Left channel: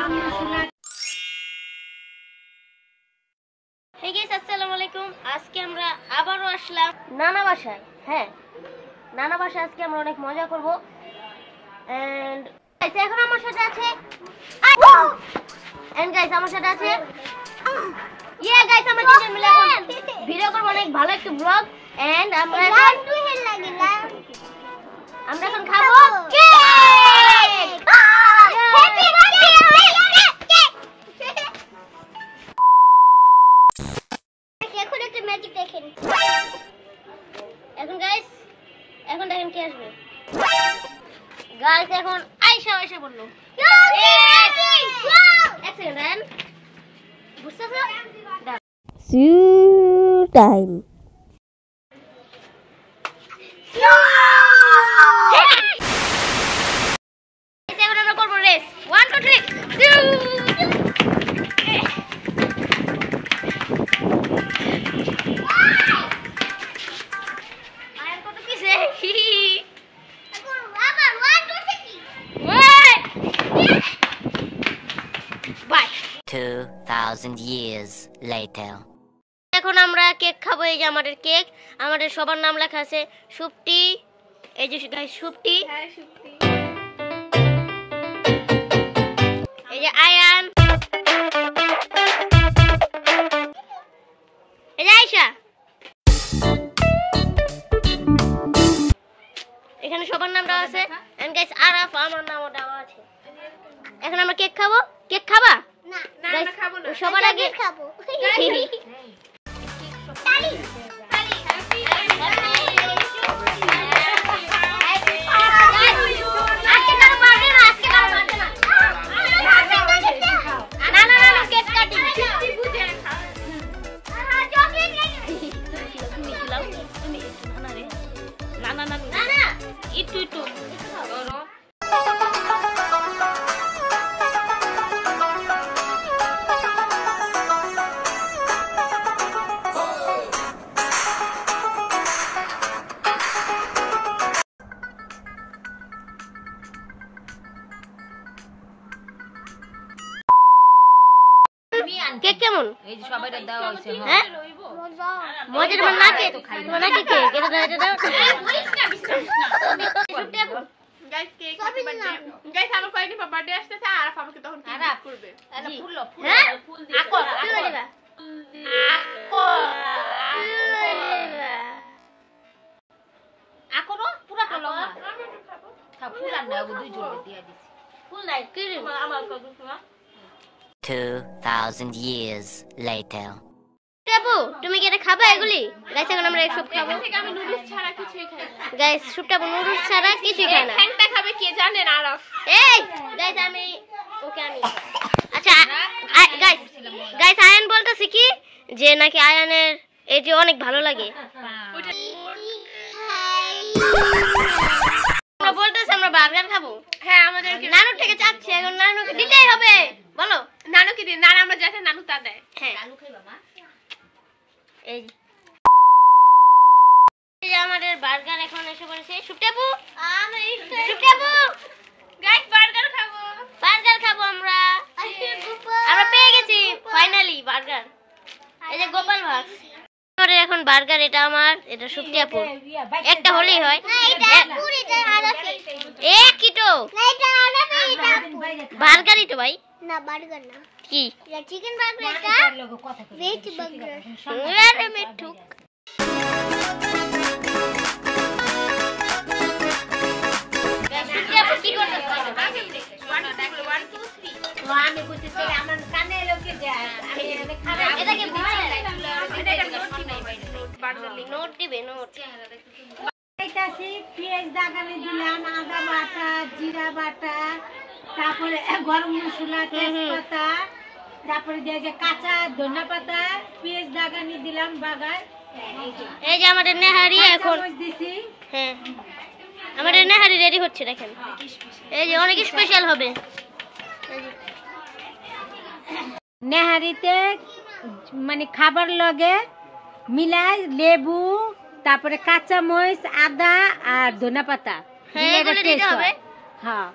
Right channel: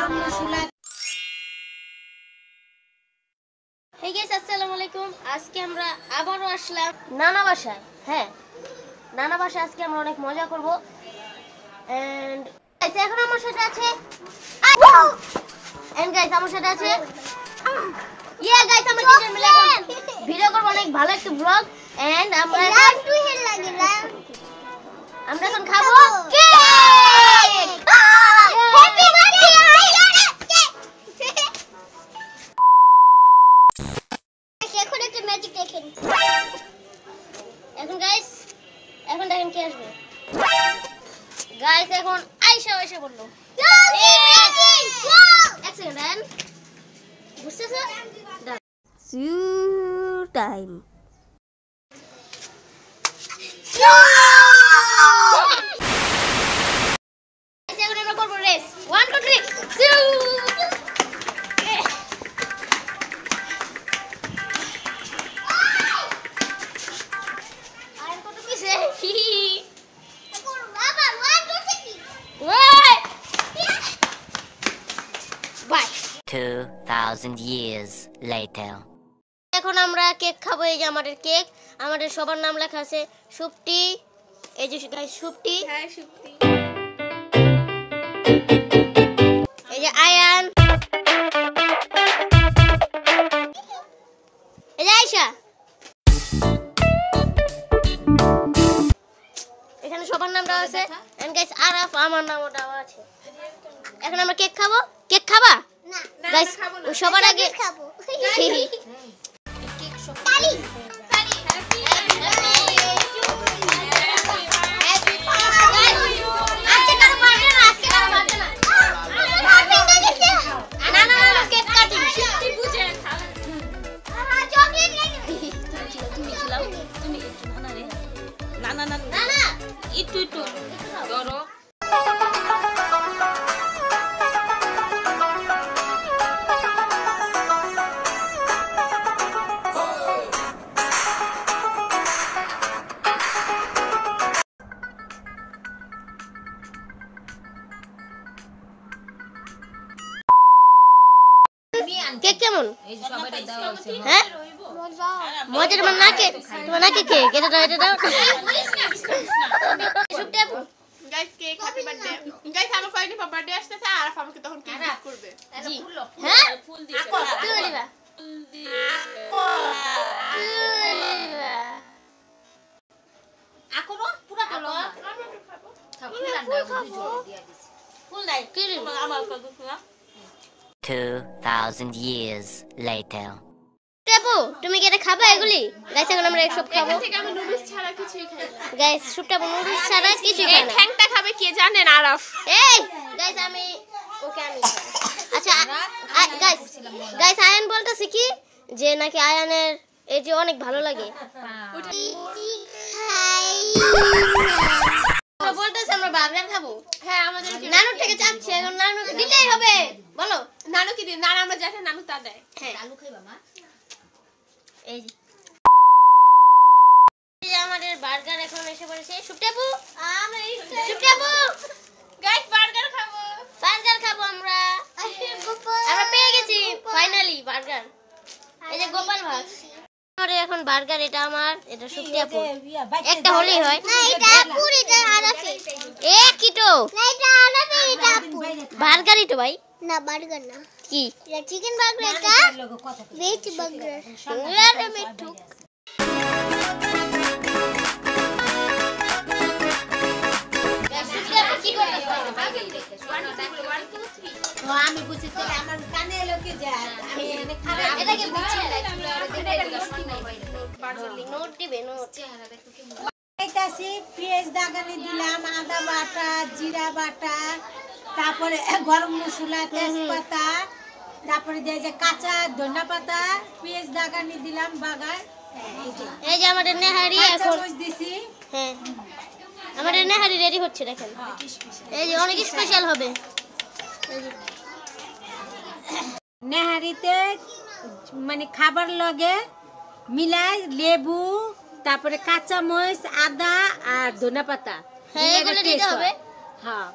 Hey guys, আসসালামু আলাইকুম। আজকে আমরা আবারো আসলাম নানা বাসায়। হ্যাঁ, নানা বাসায় আজকে আমরা অনেক মজা করব। এন্ড গাইস এখন আমার সাথে আছে গাইস আমরা তিনজন মিলে ভিডিও করব, অনেক ভালো একটা ব্লগ। এন্ড আমরা এখন খাবো কেক। হ্যাপি বার্থডে ম্যাজিক দেখেন। এখন দেখেন কে আসবে। গাইস এখন আয়েশা বললো এক সেকেন্ড বুঝতেছো টাইম। এখন আমরা করবো রেস 1 2 3 2,000 years later. এখন আমরা কেক খাবো। এই যে আমাদের কেক, আমাদের সবার নাম লেখা আছে। সুপ্তি, এই যে গাইস সুপ্তি, হ্যাঁ সুপ্তি, এই যে আয়ান, এই যে আয়েশা, এখানে সবার নাম দেওয়া আছে। এন্ড গাইস আরাফ, আমার নামও দেওয়া আছে। এখন আমরা কেক খাবো। কেক খাবা? না গাইস সবার আগে খাবো। তালি আজকে কার বার্থডে না, আজকে কার বার্থডে না। না কেক কাটিং বুঝে চকলেট তুমি খিলাও, তুমি না রে না একটু ধরো। ケーキもん。もうちょっと待って。তোমার নাকি কেক এটা দাও এটা দাও। Guys cake happy birthday. Guys আমার কয়েকদিন পর বার্থডে আসতেছে আর আমাকে তখন কেক গিফট করবে। জি হ্যাঁ ফুল দিবা। তুই দিবা। আকরো পুরাটা লও না। খাবো পুরাটা দুই জোড়া দিয়া দিছি। ফুল নাই কি আমার কত না। 2,000 years later. কেবু তুমি কি এটা খাবে এগুলি? গাইস এখন আমরা এক সব খাবো। এখান থেকে আমি নুডলস ছাড়া কিছুই খাই না। গাইস সুপটা নুডলস ছাড়া কিছুই খায় না। ঠ্যাংটা খাবে কে জানেন আরাফ? এই গাইস আমি আচ্ছা গাইস আয়ান বলতেছে কি যে নাকি আয়ানের এই যে অনেক ভালো লাগে। আমরা বলতেছি আমরা বার্গার খাবো। হ্যাঁ আমাদেরকে নানু থেকে চাচ্ছে, এখন নানুকে দিতেই হবে। বলো নানু কি দিন? নানু আমরা যেটা নানু তা দেয়। হ্যাঁ আলু খাইবা মা। এই যে আমাদের বার্গার এখন এসে পড়েছে। সুপটাপু গাইস বার্গার খাবো আমরা পেয়ে গেছি ফাইনালি বার্গার। এই যে গোপাল ভাগ আমাদের এখন বার্গার। এটা আমার, এটা সুপ্তিয়াপু। একটা হলেই হয়। একই তো বার্গারই তো ভাই। না বার্গার না, কি এটা চিকেন বার্গার, এটা ভেজ বার্গার। আরে মিঠুক সুপ্তিয়াপু কি করতেছ? আমি বুঝেছি আমরা কানে লোকে যায় এটাকে ভয় লাগে। নোট দিবে নোট। এইটাছি পেঁয়াজ দাগানি দিলাম, আদা বাটা, জিরা বাটা, তারপরে গরম মশলা, তেজপাতা, তারপরে দিয়ে যে কাঁচা ধনিয়া পাতা, পেঁয়াজ দাগানি দিলাম বাগায়। এই যে আমাদের নেহারি এখন দিছি। হ্যাঁ আমাদের নেহারি রেডি হচ্ছে দেখেন। এই যে অনেক স্পেশাল হবে। নেহারিতে মানে খাবার লগে মিলাই লেবু, তারপরে কাঁচা মরিচ, আদা আর ধনিয়া পাতা হ্যাঁ এগুলো দিতে হবে। হ্যাঁ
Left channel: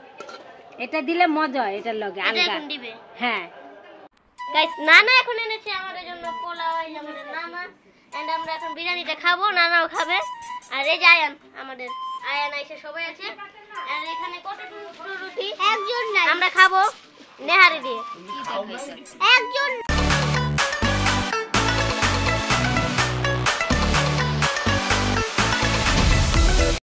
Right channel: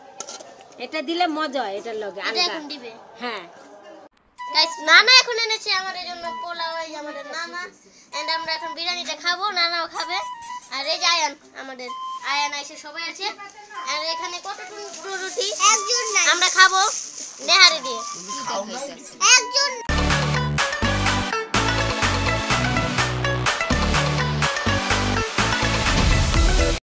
এটা দিলে মজা হয় এটার লগে এটা আলাদা। এখন দিবে। হ্যাঁ গাইস নানা এখন এনেছে আমাদের জন্য পোলাও, এই যে আমাদের নানা, এন্ড আমরা এখন বিরিয়ানিটা খাবো, নানাও খাবে। আর এই যে আয়ান, আমাদের আয়ান আইছে, সবাই আছে। আর এখানে কত রুটি, একজন আমরা খাবো নেহারি দিয়ে, একজন